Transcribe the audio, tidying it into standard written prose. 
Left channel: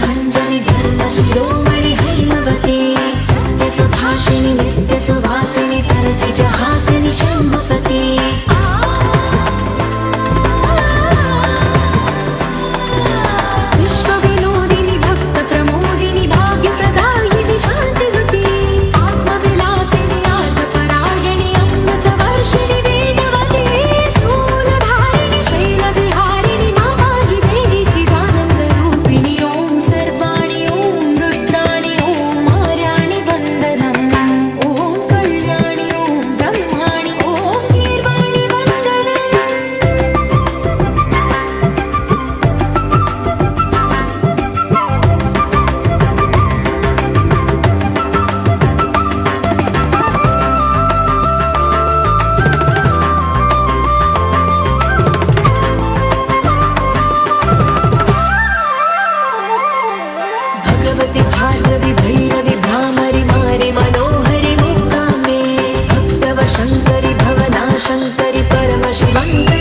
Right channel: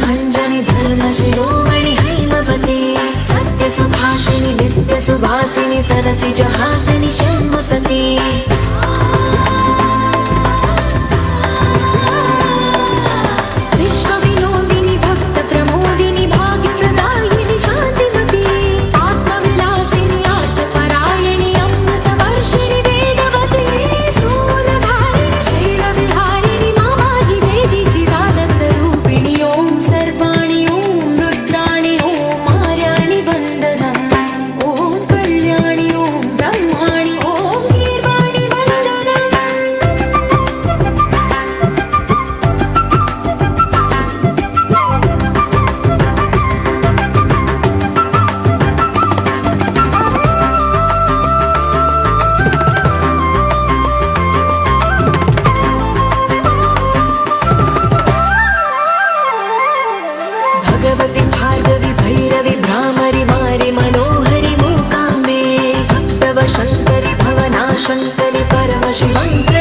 भंजनि धर्म शिरोमणि हैमवती सत्य सुभाषिनि नित्य सुवासिनि सरसि जहासिनि शंभुसती विश्व विनोदिनि भक्त प्रमोदिनि भाग्य प्रदायिनि शांतिवती आत्मविलासिनि आर्तपरायणि अमृत वर्षिणि वेदवती सूरधारिणि शैल विहारिणि मामायि देवी चिदानंद रूपिणि ओम सर्वाणि ओम रुद्राणि ओम आर्याणि वंदनम् ओम कल्याणि ओम ब्रह्माणि ओम गीर्वाणि वंदनम् भगवति भार्गवि भैरवि भ्रामरि मारि मनोहरि मूकाम्बे भक्तव शङ्करि भवना शङ्करि परम शिवङ्करि